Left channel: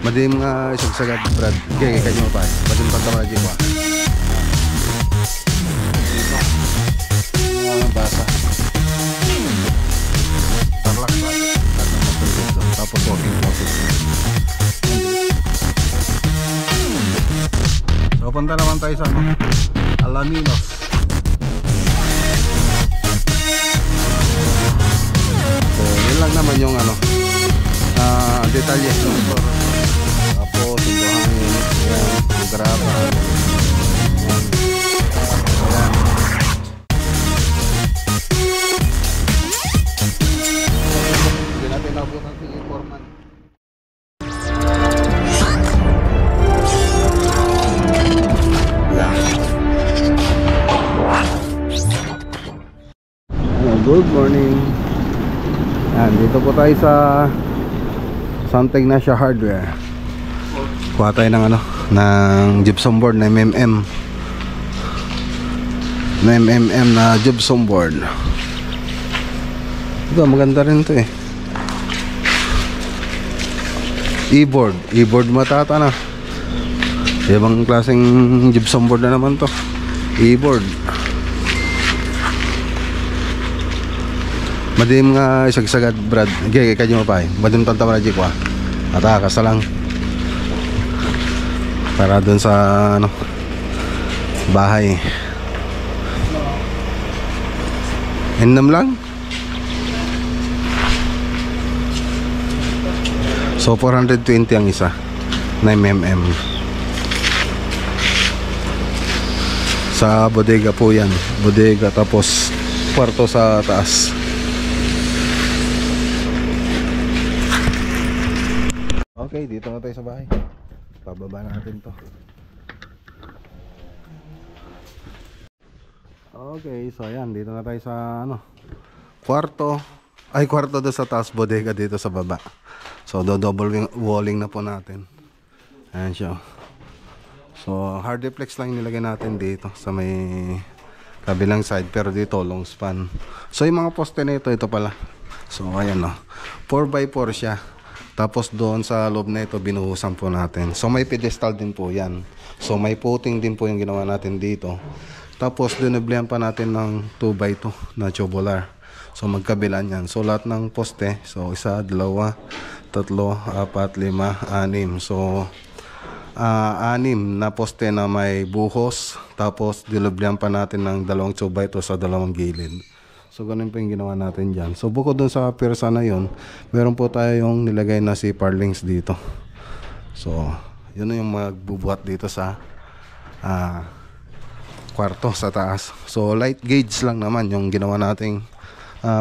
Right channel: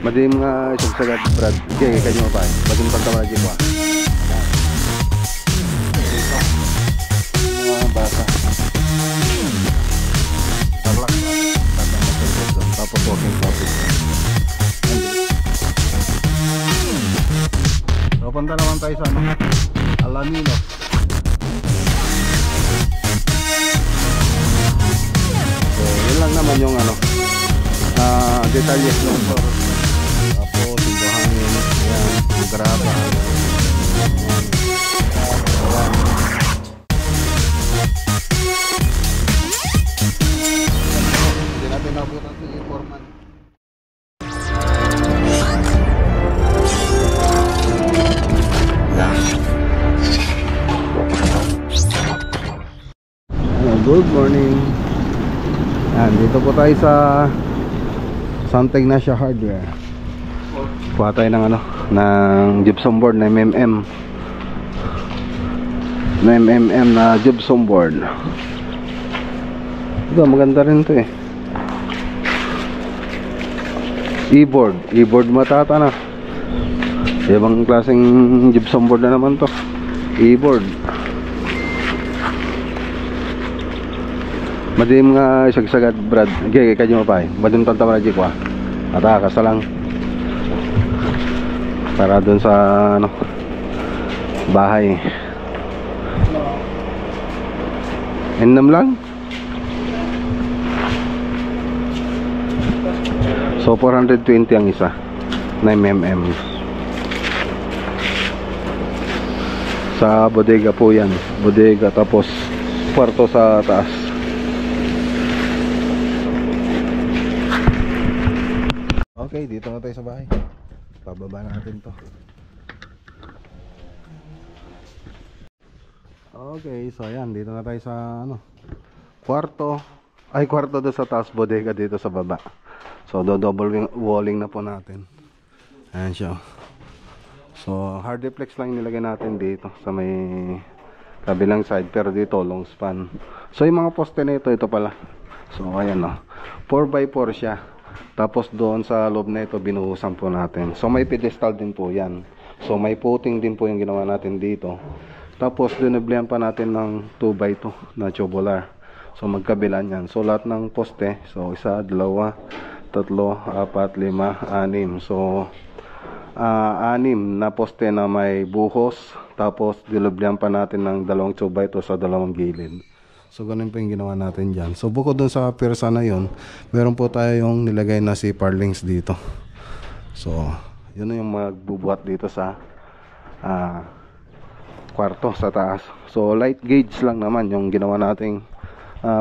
Madim nga sagsagad Brad. Okay, kanyo pa. Madim pagkama dito pa. Basa. Tarlac. Tapos walking traffic. So punta naman tayo sa Alaminos. So yun lang naman yung detalye ng motor. Tapos yung buhangin, yan, yung graba, hindi natin nabutan si Foreman. Good morning. Yan, dito po tayo sa Santa Ignacia Hardware. Kuha tayo ng ng gypsum board na MMM. Na MMM na gypsum board. Ito, maganda rin to eh. E-board matata na. Ibang klaseng gypsum board na naman to. E-board. Madim nga sagsagad Brad. Okay, kanyo pa. Madim tantama na jikwa. Ata kasa lang. Para dun sa bahay. Innam lang. So 420 ang isa na mm. Sa bodega po yan. Bodega tapos kwarto sa taas. Okay, dito na tayo sa bahay. Pababa natin to. Okay, so ayan, dito na tayo sa kwarto. Ay, kwarto doon sa taas, bodega dito sa baba. So double walling na po natin. Ayan siya. So hardiplex lang nilagay natin dito sa may kabilang side, pero dito long span. So yung mga poste na ito pala. So ayan 4x4 siya. Tapos doon sa loob na ito binuhusan po natin. So may pedestal din po yan. So may footing din po yung ginawa natin dito. Tapos dinablihan pa natin ng 2x2 na tubular. So magkabilan yan. So lahat ng poste, so 1, 2, 3, 4, 5, 6. So 6 na poste na may buhos. Tapos dinablihan pa natin ng 2 2x2 sa dalawang gilid. So ganun po yung ginawa natin dyan. So bukod dun sa pirsa na yun, meron po tayo yung nilagay na si Parlings dito. So yun na yung magbubuhat dito sa kwarto sa taas. So light gauge lang naman yung ginawa nating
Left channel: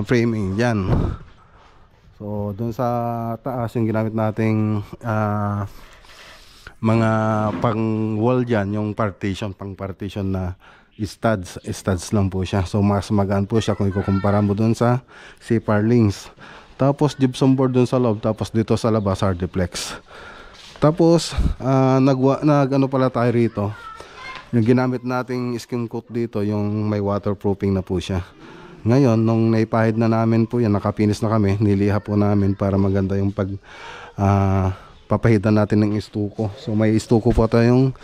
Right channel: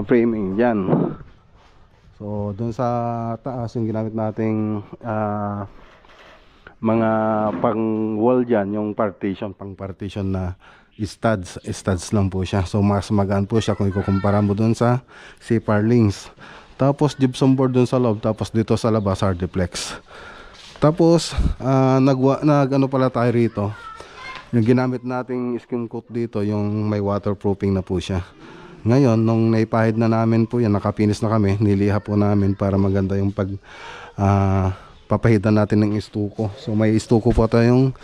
framing dyan. So dun sa taas yung ginamit nating mga pang wall dyan, yung partition, pang partition na studs lang po siya. So mas magaan po siya kung ikukumpara mo dun sa si Parlings. Tapos gypsum board dun sa loob, tapos dito sa labas hardiplex. Tapos nag-ano pala tayo rito. Yung ginamit nating skim coat dito, yung may waterproofing na po siya. Ngayon nung naipahid na namin po yan, nakapinis na kami, niliha po namin para maganda yung papahidan natin ng estuko. So may estuko po tayong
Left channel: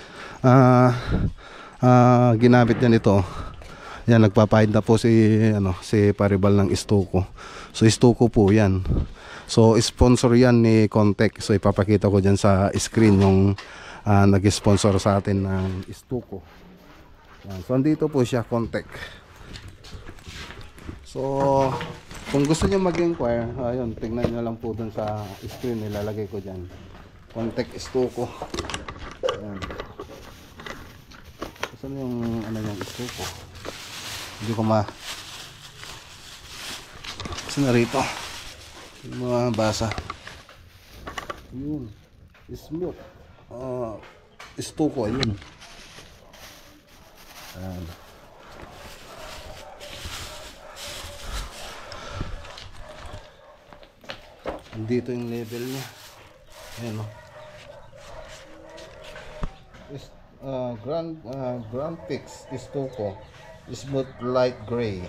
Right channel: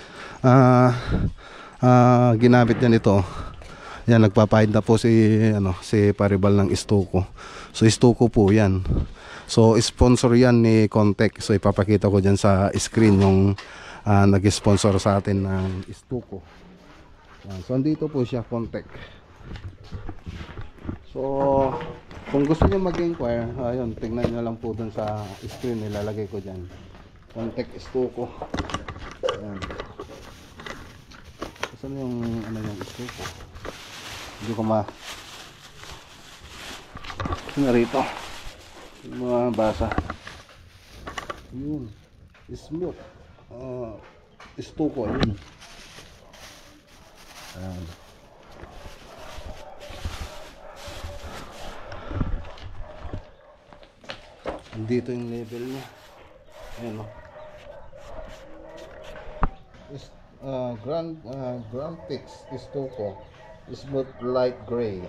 ginamit niya nito. Yan, nagpapahid na po si Paribal ng estuko. So estuko po yan. So sponsor yan ni Contec. So ipapakita ko dyan sa screen yung nag-sponsor sa atin ng estuko. Yan. So andito po siya, Contec. So kung gusto niyo mag-inquire, ayun, tingnan niyo lang po dun sa screen, nilalagay ko dyan. Contec estuko. Yan. Saan yung yung estuko? Hindi ko saan na rito? Yung mga basa. Yun. Smooth. Estuko. Yun. Ayan. Dito yung level niya. Ayan Grand Fix estuko smooth light gray.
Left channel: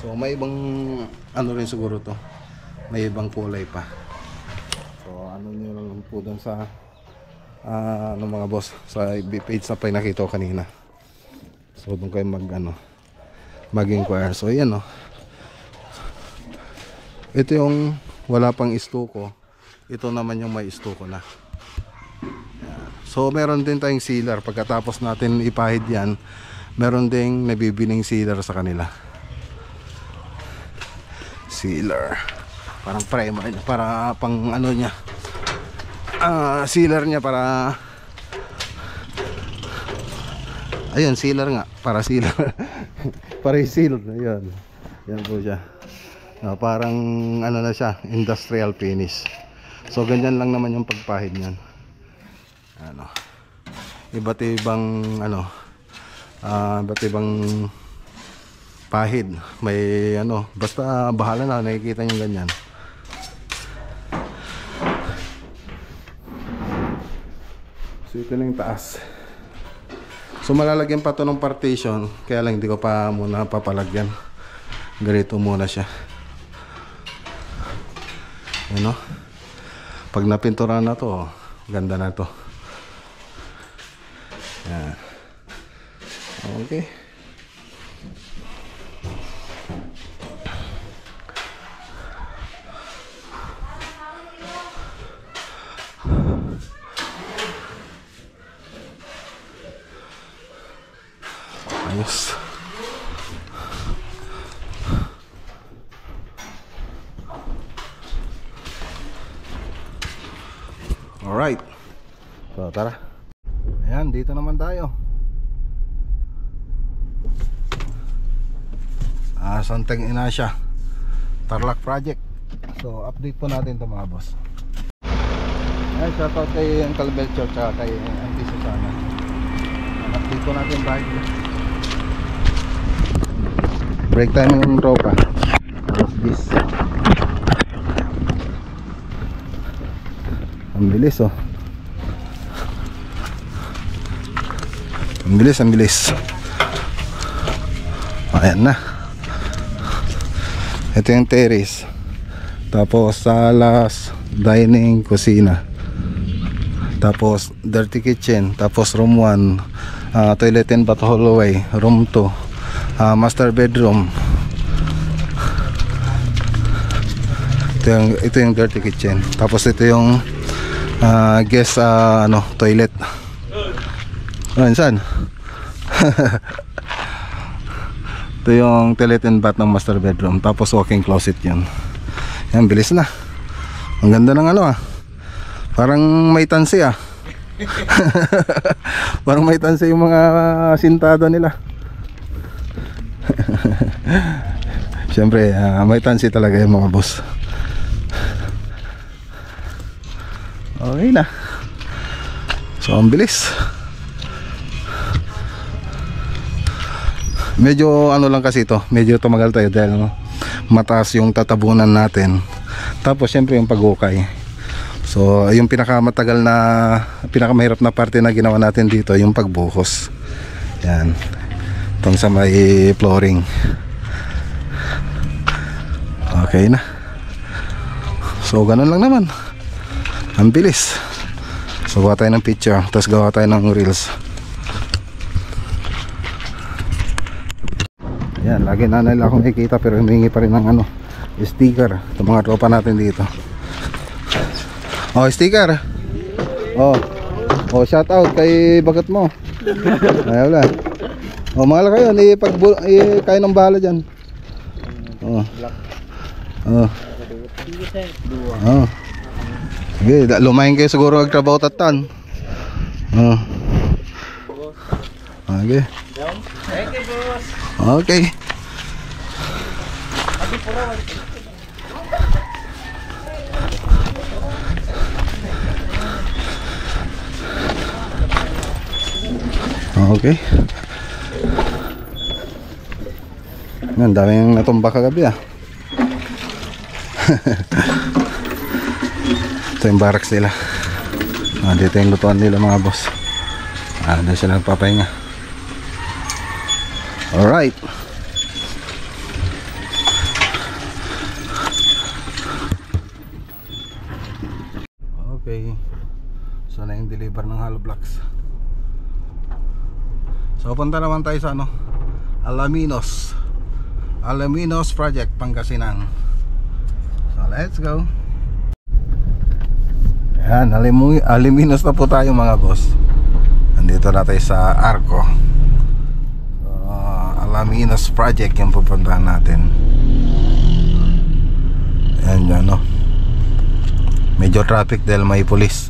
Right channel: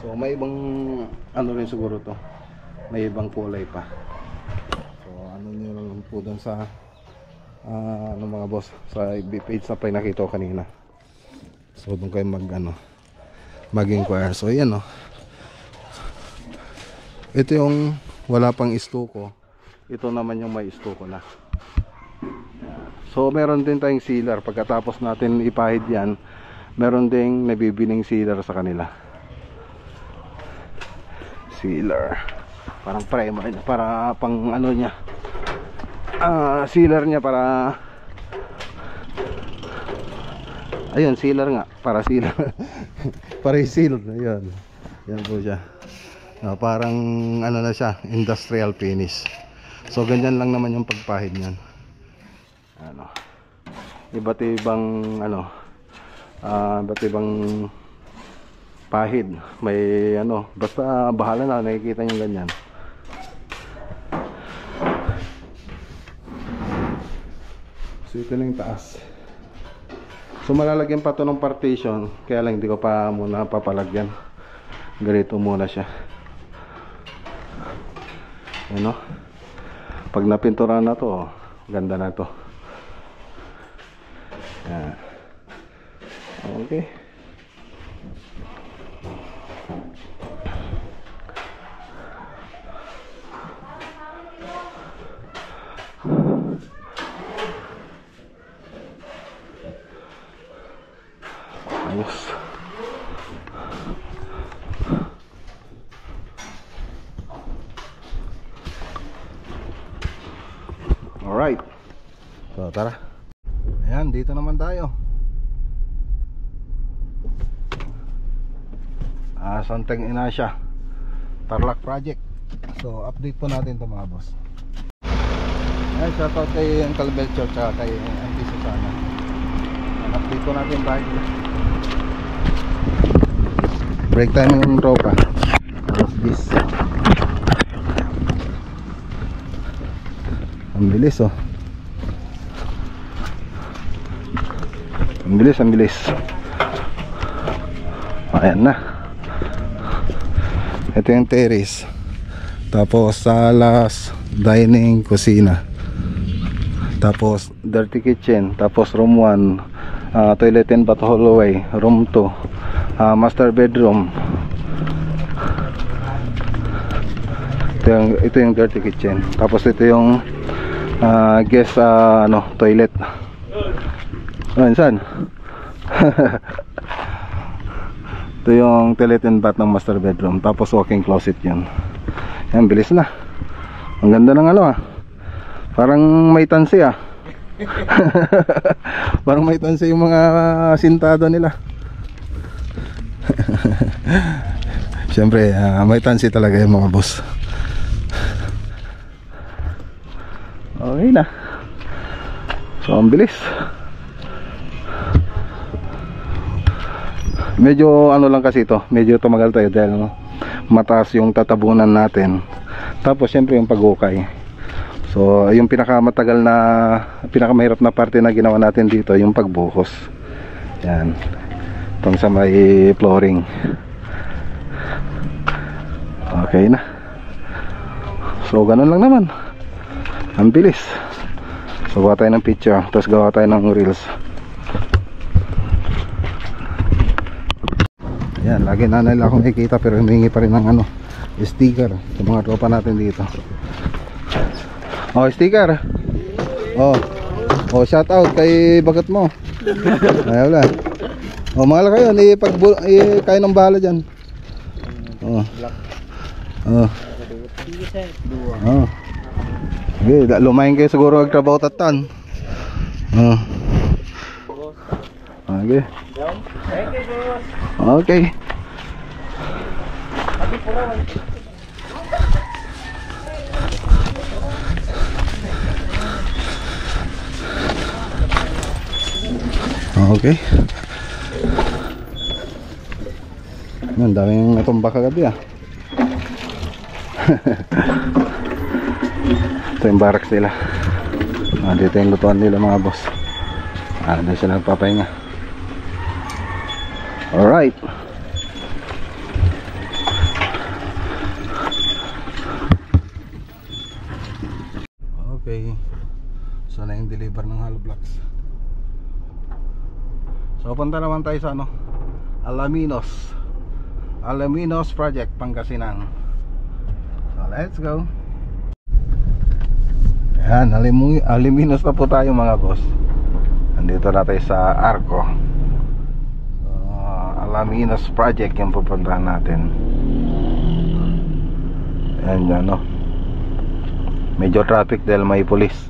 So may ibang rin siguro to, may ibang kulay pa. So ano nyo lang po doon sa ano mga boss, sa FB page na pinakita ko kanina. So doon kayo mag-inquire. So yan o. Ito yung wala pang istuko. Ito naman yung may istuko na. So meron din tayong sealer. Pagkatapos natin ipahid yan, meron ding nabibining sealer sa kanila. Sealer. Parang primer niya, para pang ano niya. Sealer niya para ayun, sealer nga, para sealer. Para i-seal, ayun. Yan po siya. Parang ano na siya, industrial finish. So ganyan lang naman yung pagpahid niyan. Ano. Iba't ibang pahid. May basta bahala na, nakikita niyo ganyan. So ito lang yung taas. So malalagyan pa to ng partition, kaya lang hindi ko pa muna papalagyan. Ganito muna siya. Ano? Pag napintura na to, ganda na to. Yan. Okay. Ayos. Alright. So tara. Ayan, dito naman tayo. Santeng Inasya, Tarlac Project. So update po natin ito mga boss. Ayan, shoutout kay Uncle Belcher at kay Auntie Susana. Update po natin tayo. Break time yung tropa. Alas 10. Ang bilis oh. Ang bilis. Ayan na. Ito yung terrace. Tapos salas, dining, kusina. Tapos dirty kitchen. Tapos room 1, toilet and bath hallway. Room 2, master bedroom. Ito yung dirty kitchen. Tapos ito yung guest toilet. Saan? Ito yung toilet and bath ng master bedroom. Tapos walk-in closet yun. Yan, bilis na. Ang ganda ng parang may tansi parang may tansi yung mga sintado nila. Siyempre may tansi talaga yung mga boss. Okay na. So ang bilis. Medyo lang kasi ito, medyo tumagal tayo dahil mataas yung tatabunan natin. Tapos syempre yung pag-ukay. So yung pinakamatagal na, pinakamahirap na parte na ginawa natin dito, yung pagbuhos. Yan. Itong sa may flooring. Okay na. So ganun lang naman. Ang bilis. So gawa tayo ng picture, tapos gawa tayo ng reels. Yan, lagi na nila akong nakikita pero humingi pa rin ng sticker sa mga tropa natin dito. Oh, sticker. Oh, shout out kay bagat mo. Ay, wala. Oh, mahal kayo, kayo ng bahala dyan. Oh. Oh. Oh. Okay, lumayan kayo siguro magtrabaho tatan. Oh. Okay. Okay. Okay. Ang daming natumba kagabi Ito yung barracks nila. Dito yung lutuan nila mga boss. Doon sila nagpapahinga. Alright. Okay. So na yung deliver ng hollow blocks. So punta naman tayo sa ano, Alaminos Project, Pangasinan. So let's go. Ayan, Alaminos na po tayo mga boss. Nandito na tayo sa Arco. So, Alaminos Project yung pupuntahan natin. Ayan dyan, no? Medyo traffic dahil may pulis.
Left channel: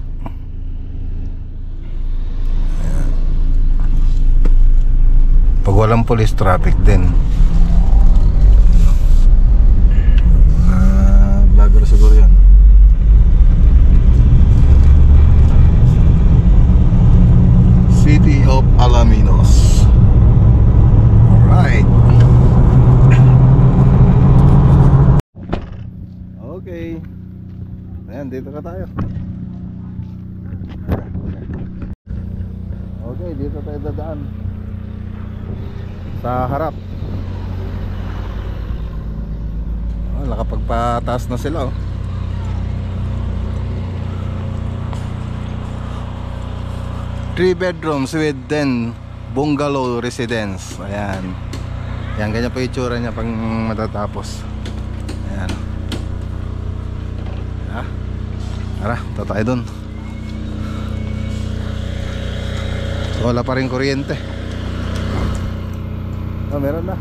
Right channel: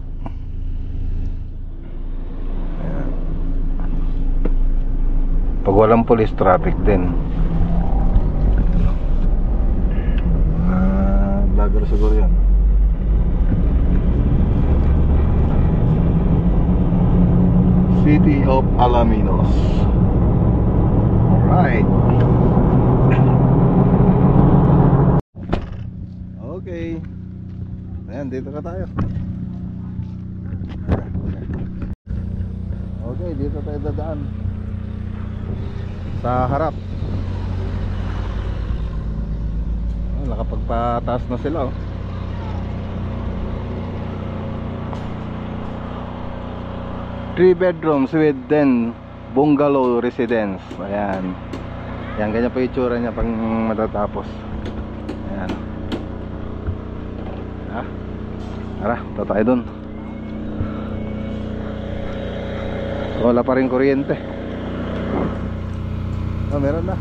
Ayan. Pag walang pulis, traffic din. Vlogger siguro yan. City of Alaminos. Alright. Okay. Ayan, dito na tayo. Okay, dito tayo dadaan. Sa harap. Nakapagpataas na sila, oh. 3 bedrooms with 10 bungalow residence. Ayan. Ayan, ganyan pa itsura niya pang matatapos. Ayan. Tara, tayo dun. So, wala pa rin kuryente. Oh, meron na.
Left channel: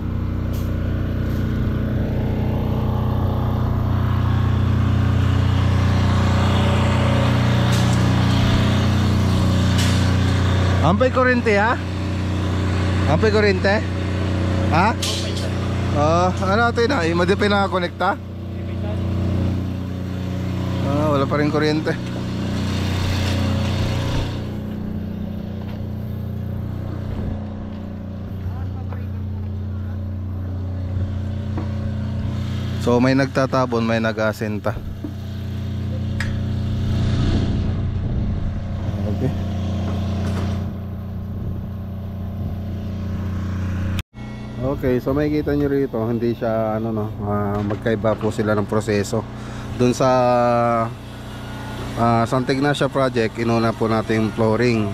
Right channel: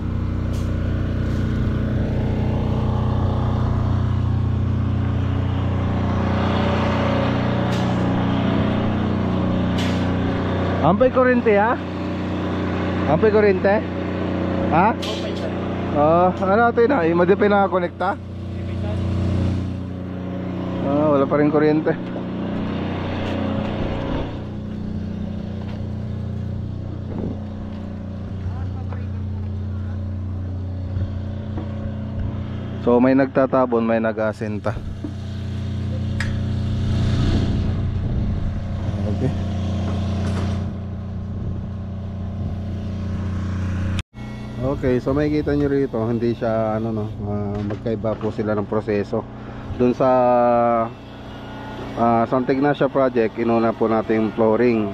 Ampay kuryente, ha? Ampay kuryente? Ha? Ano natin na? Hindi pa nakakonekta? Wala pa rin kuryente. So may nagtatabon, may nag-asenta. Okay. Okay, so makikita nyo rito, hindi siya ano, no, magkaiba po sila ng proseso. Doon sa Santa Ignacia project, inuna po natin yung flooring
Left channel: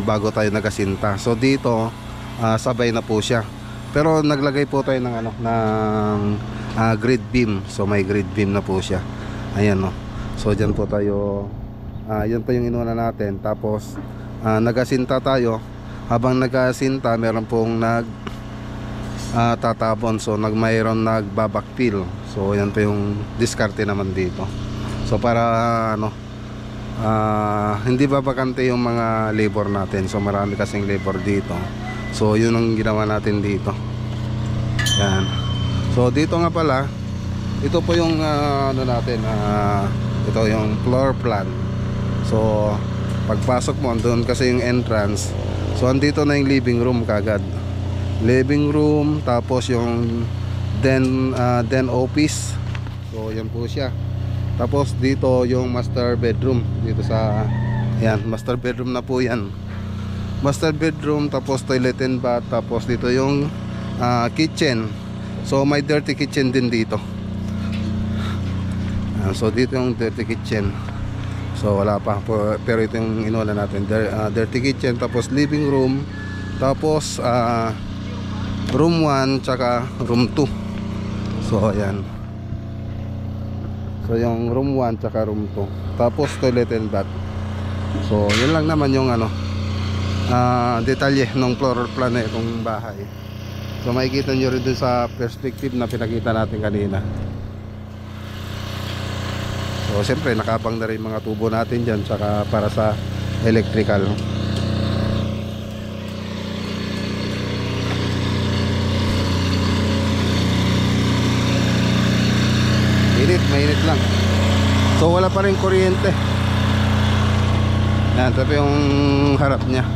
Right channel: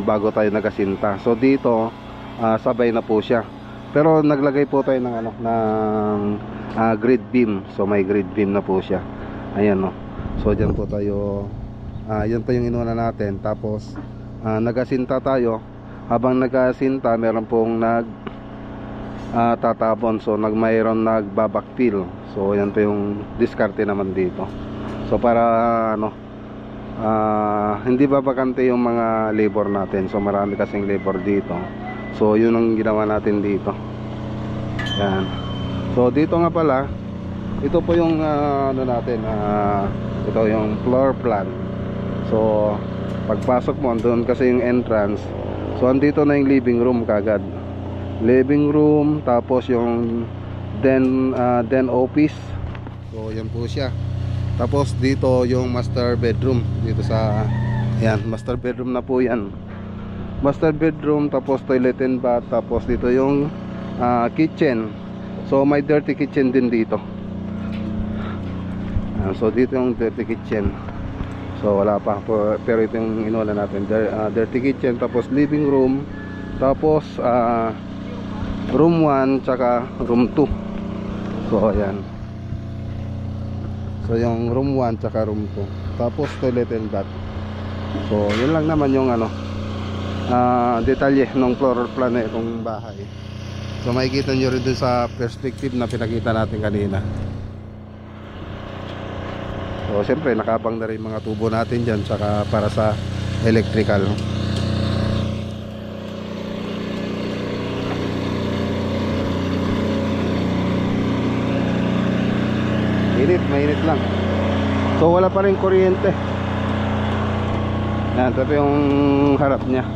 bago tayo nagasinta. So dito sabay na po siya. Pero naglagay po tayo ng ano, ng grid beam. So may grid beam na po siya. Ayan, no. So diyan po tayo, yan pa yung inuna natin. Tapos nagasinta tayo. Habang nagasinta, meron pong tatabon. So mayroon nagbabackfill. So yan pa yung diskarte naman dito. So para ano, hindi babakante yung mga labor natin. So marami kasing labor dito. So yun ang ginawa natin dito. Yan. So dito nga pala, ito po yung ano natin, ito yung floor plan. So pagpasok mo, doon kasi yung entrance. So andito na yung living room kagad. Living room, tapos yung den office. So yan po siya. Tapos dito yung master bedroom. Dito sa, yan, master bedroom na po yan. Master bedroom, tapos toilet and bath. Tapos dito yung kitchen. So may dirty kitchen din dito. So dito yung dirty kitchen. So wala pa, pero ito yung inulan natin, dirty kitchen. Tapos living room. Tapos room 1 tsaka room 2. So ayan. So yung room 1 tsaka room 2. Tapos toilet and bath. So yun lang naman yung ano, detalye ng floor plan na itong bahay. So makikita nyo rin dun sa perspective na pinakita natin kanina. So siyempre nakabang na rin mga tubo natin dyan, tsaka para sa electrical. Mainit lang. So wala pa rin kuryente. Yan, tapi yung harap niya.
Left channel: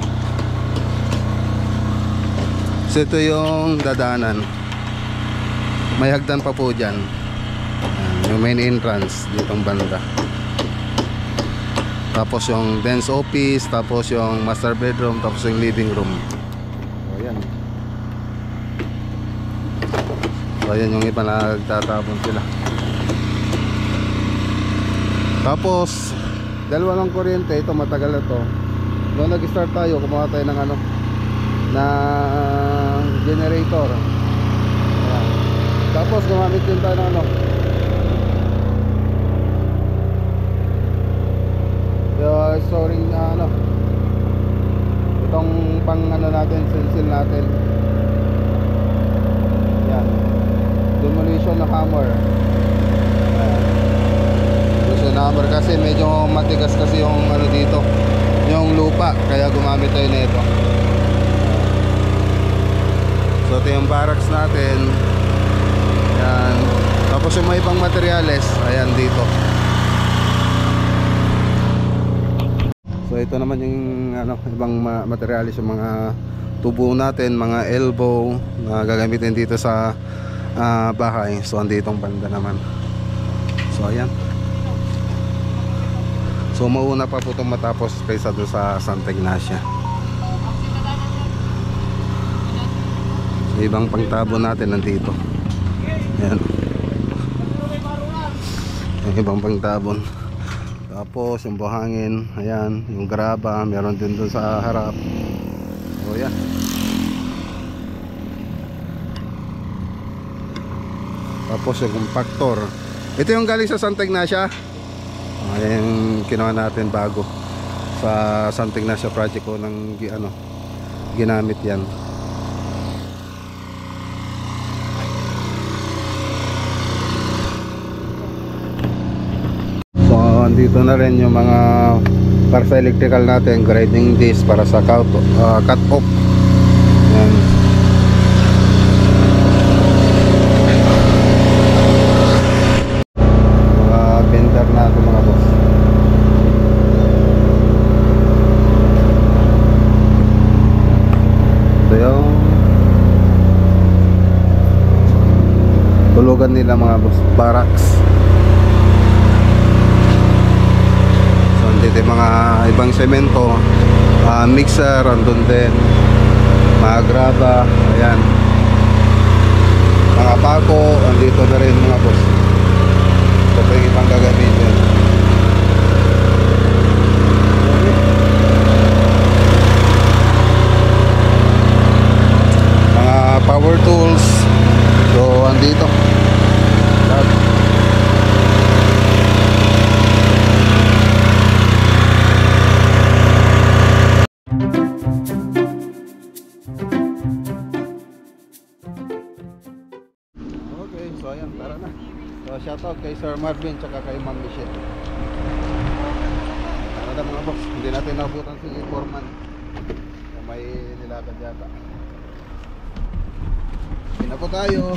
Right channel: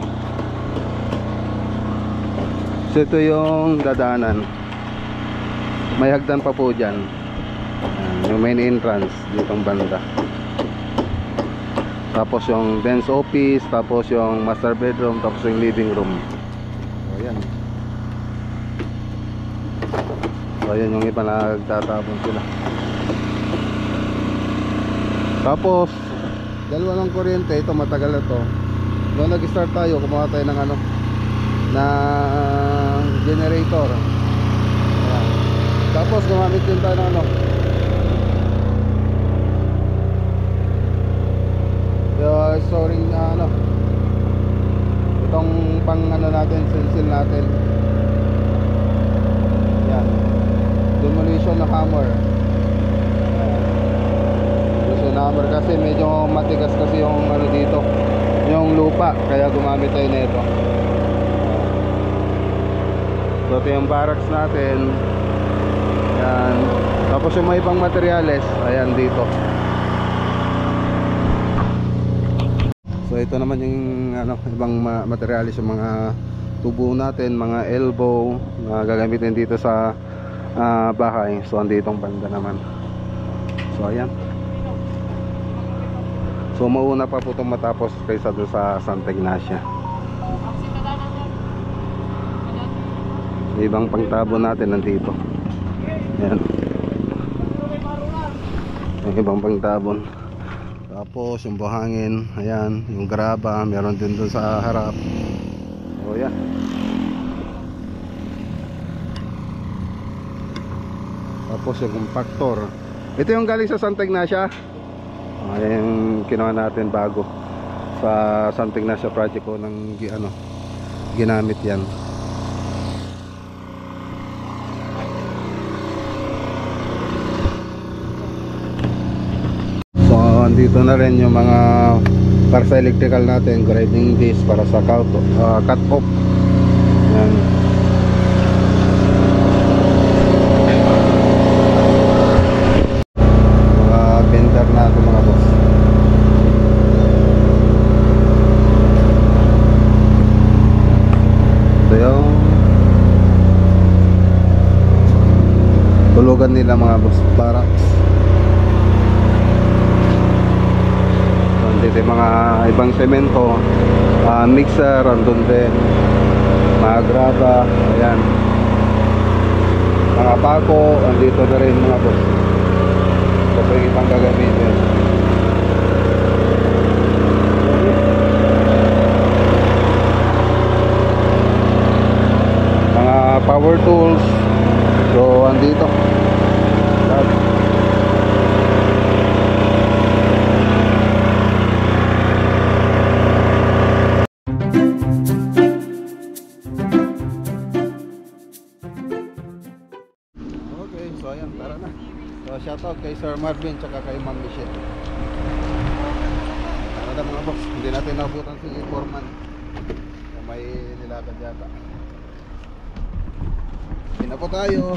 So ito yung dadanan. May hagdan pa po dyan. Yung main entrance ditong banda. Tapos yung dense office, tapos yung master bedroom, tapos yung living room. So yan. So yan yung iba na nagtatapon sila. Tapos dalawa ng kuryente, ito matagal na to. Noong nag-start tayo, kumuha tayo ng ano, na generator. Ayan. Tapos gumamit din tayo ng ano, storing ano, itong pang ano natin, stencil natin. Yan, demolition na hammer. Demolition na hammer kasi medyo matigas kasi yung ano dito, yung lupa, kaya gumamit tayo na ito. So ito yung barracks natin. Yan. Tapos yung mga ibang materyales, ayan dito. So ito naman yung ano, ibang materialis, yung mga tubo natin, mga elbow na gagamitin dito sa bahay. So andito ang banda naman. So ayan. So mauna pa po itong matapos kaysa doon sa Santa Ignacia. So ibang pangtabo natin nandito. Ayan. Yung ibang pangtabon. Tapos yung buhangin, ayan, yung graba, meron din doon sa harap. So yan. Tapos yung compactor. Ito yung galing sa Santa Ignacia. Ayan yung kinuha natin bago sa Santa Ignacia project ko ng ano, ginamit yan. Dito na rin yung mga para sa electrical natin, grinding disc para sa cut off. Ayan. Mga bender natin mga boss. Ito yung tulugan nila mga boss, barracks. Dito mga ibang semento, mixer, andun din mga graba, ayan, mga pako, andito na rin mga boss. Ito pa yung ibang gagamitin. Mga power tools, so andito. So ayan, tara na. So shoutout kay Sir Marvin tsaka kay Ma'am Michelle. Tara na mga boss, hindi natin nabutan si Foreman. May nilakad yata. Hindi na po tayo.